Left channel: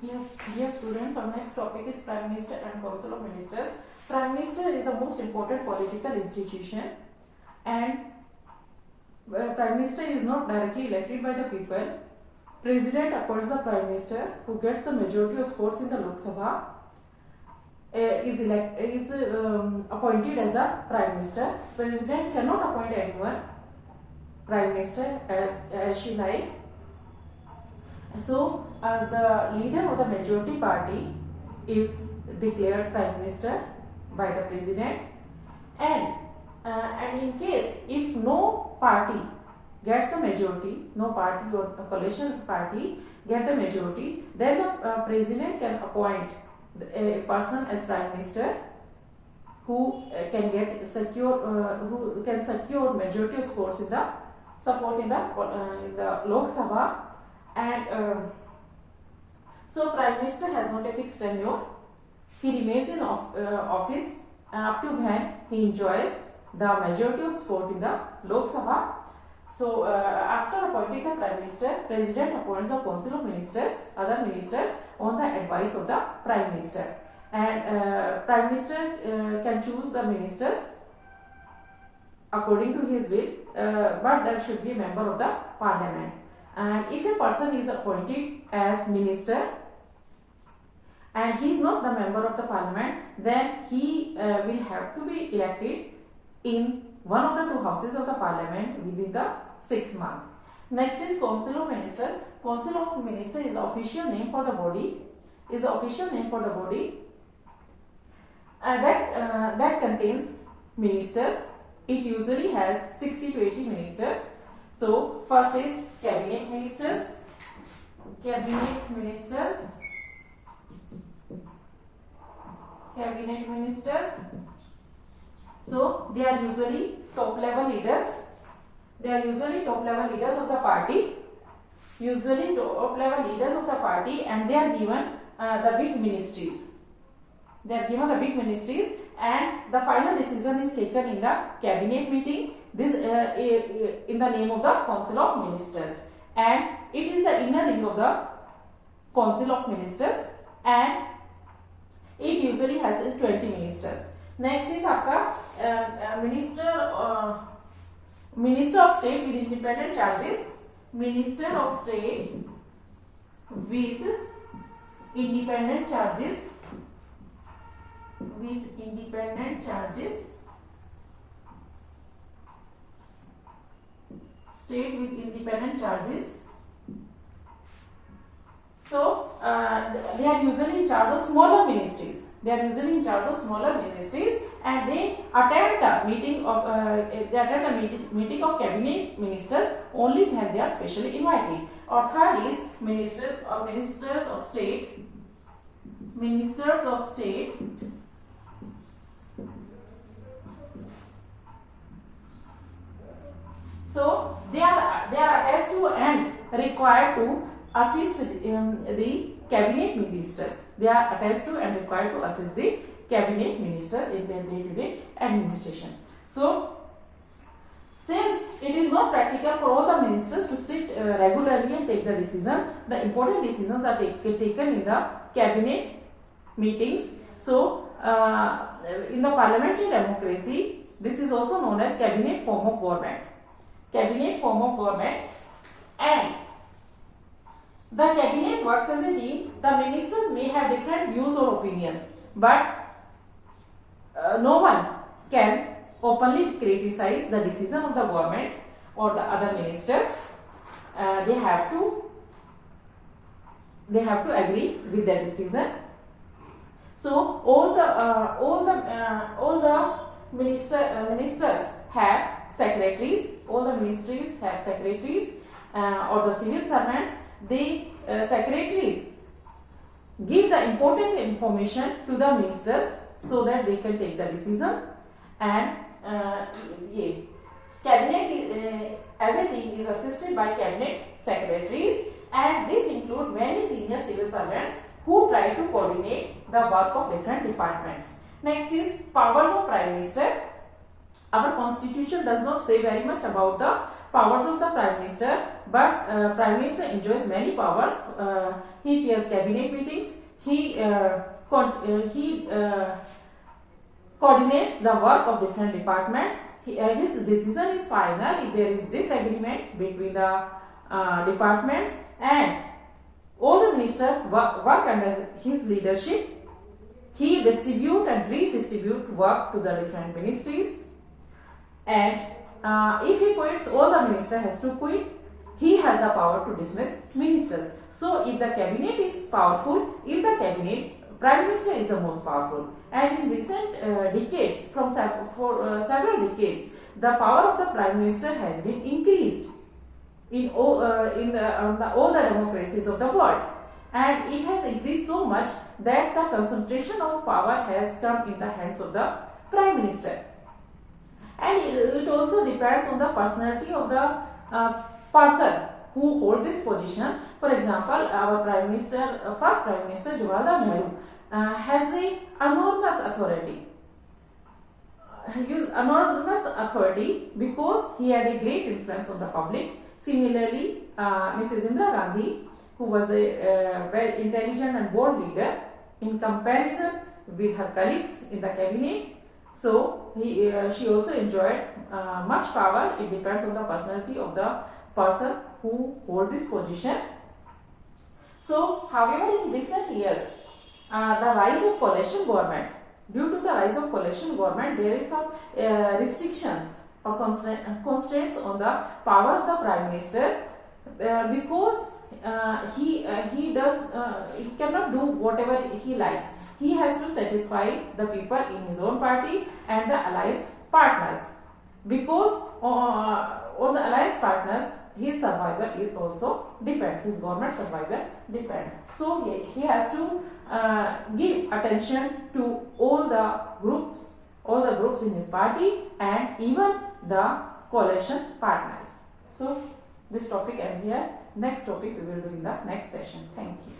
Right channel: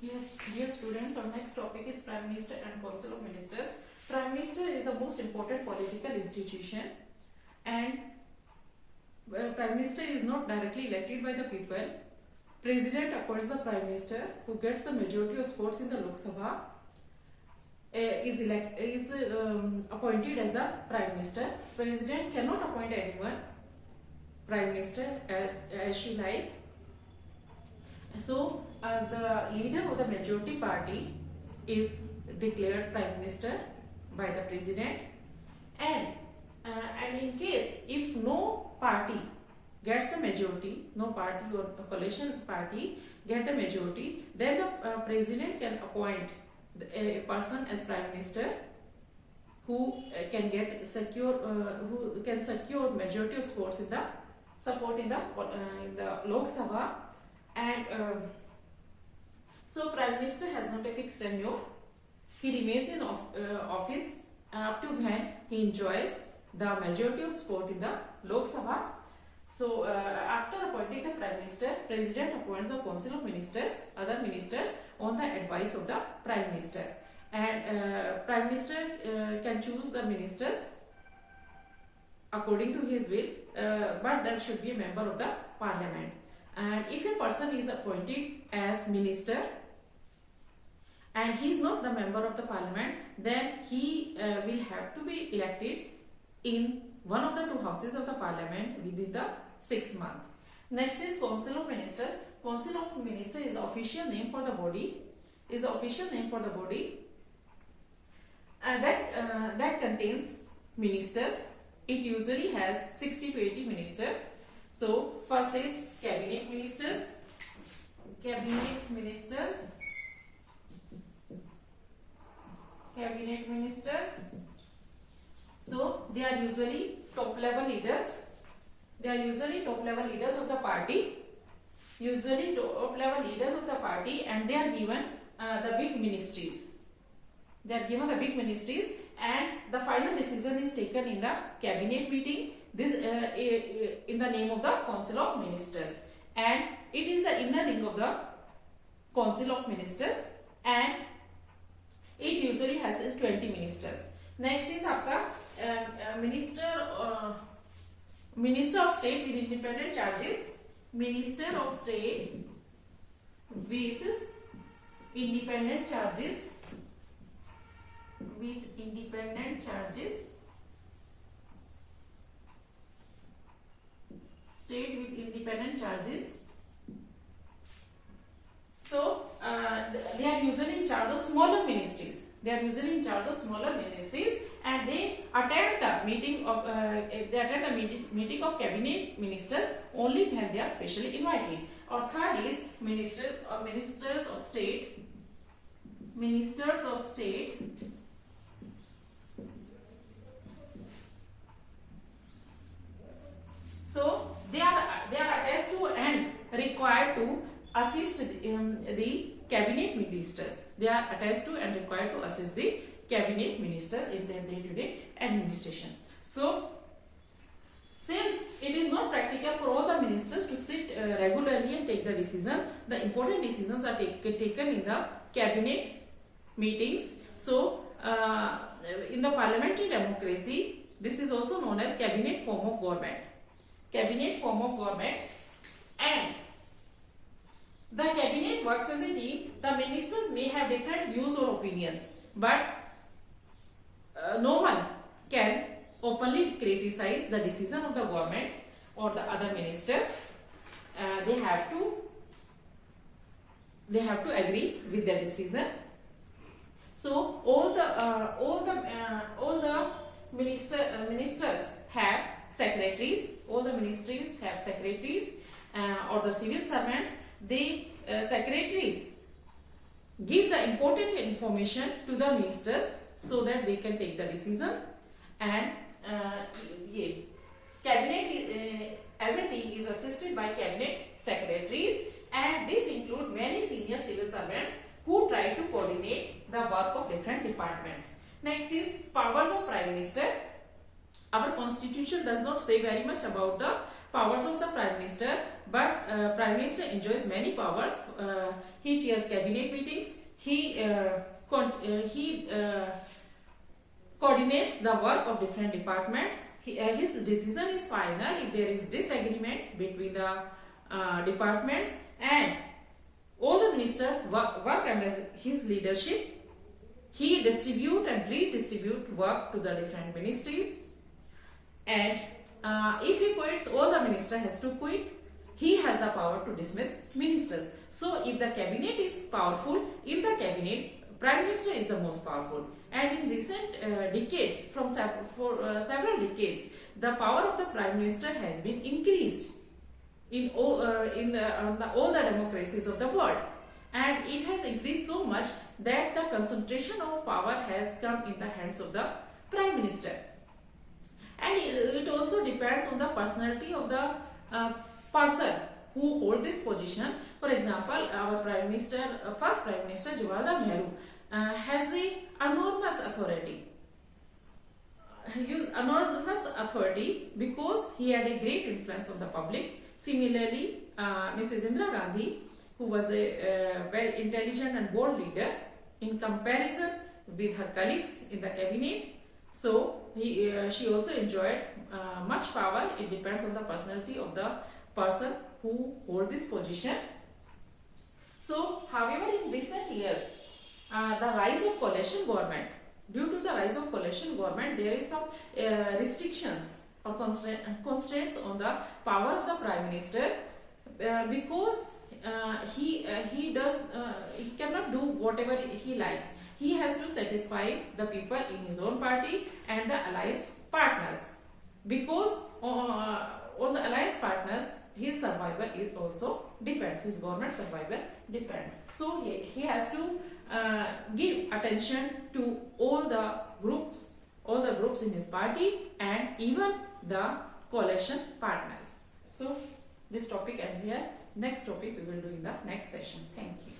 Yes, dear students, our next topic is Prime Minister and Council of Ministers. Prime Minister is the most important political institution, and Prime Minister is not directly elected by the people. President appoints the Prime Minister, who gets the majority of votes in the Lok Sabha, is appointed as the Prime Minister. President cannot appoint anyone Prime Minister as she like. So the leader of the majority party is declared Prime Minister by the President, and in case if no party gets the majority, no party or a coalition party get the majority, then the President can appoint a person as Prime Minister who can get who can secure majority of votes in the support in the Lok Sabha. And so Prime Minister has not a fixed tenure. He remains in office up to when he enjoys the majority of support in the Lok Sabha. So after appointing the Prime Minister, President appoints the Council of Ministers, other ministers, on the advice of the Prime Minister. And Prime Minister can choose the ministers according to his will, but there should be a member of the Parliament. And if a person is appointed as minister and he is not the member of the Parliament, then he will have to be elected in one of the two houses of the Parliament within the 6 months. Next is Council of Ministers. Council of Ministers is the official name for the body. That contains ministers. It usually has 60 to 80 ministers. So first is cabinet ministers. So they are usually top level leaders. Of the party. And they are given the big ministries. And the final decision is taken in the cabinet meeting. This in the name of the Council of Ministers, and it is the inner ring of the Council of Ministers, and it usually has 20 ministers. Next is आपका Minister of State with independent charges. Minister of State with independent charges. State with independent charges. So they are usually in charge of smaller ministries. And they attend the meeting of cabinet ministers only when they are specially invited. Or third is ministers of state. So they are attached to and required to assist the cabinet ministers. They are attached to and required to assist the cabinet ministers in their day-to-day administration. So since it is not practical for all the ministers to sit regularly and take the decision, the important decisions are taken in the cabinet meetings. So in the parliamentary democracy, this is also known as cabinet form of government. And the cabinet works as a team. The ministers may have different views or opinions, but no one can openly criticize the decision of the government or the other ministers. They have to agree with the decision. So all the ministers have secretaries. All the ministries have secretaries, or the civil servants. Secretaries give the important information to the ministers so that they can take the decision. And cabinet as a team is assisted by cabinet secretaries, and this include many senior civil servants who try to coordinate the work of different departments. Next is powers of Prime Minister. Our constitution does not say very much about the powers of the Prime Minister, but Prime Minister enjoys many powers. He chairs cabinet meetings. He coordinates the work of different departments. His decision is final if there is disagreement between the departments, and all the ministers work under his leadership. He distribute and redistribute work to the different ministries, and if he quits, all the minister has to quit. He has the power to dismiss ministers. So if the cabinet is powerful, in the cabinet Prime Minister is the most powerful. And in recent decades, for several decades, the power of the Prime Minister has been increased in all the democracies of the world. And it has increased so much that the concentration of power has come in the hands of the Prime Minister. And it also depends on the personality of the person who hold this position. For example, our Prime Minister, first Prime Minister Jawaharlal Nehru has a enormous authority. He used enormous authority because he had a great influence on the public. Similarly, Mrs. Indira Gandhi, who was a very intelligent and bold leader in comparison with her colleagues in the cabinet. So she also enjoyed much power. It depends on the personality of the person who hold this position. So, however, in recent years, the rise of coalition government, due to the rise of coalition government, there is some restrictions or constraints on the power of the Prime Minister because he cannot do whatever he likes. He has to satisfy the people in his own party and the alliance partners, because on the alliance partners his survival is also depends. His government survival depends. So he has to give attention to all the groups in his party and even the coalition partners. So this topic ends here. Next topic we will do in the next session. Thank you.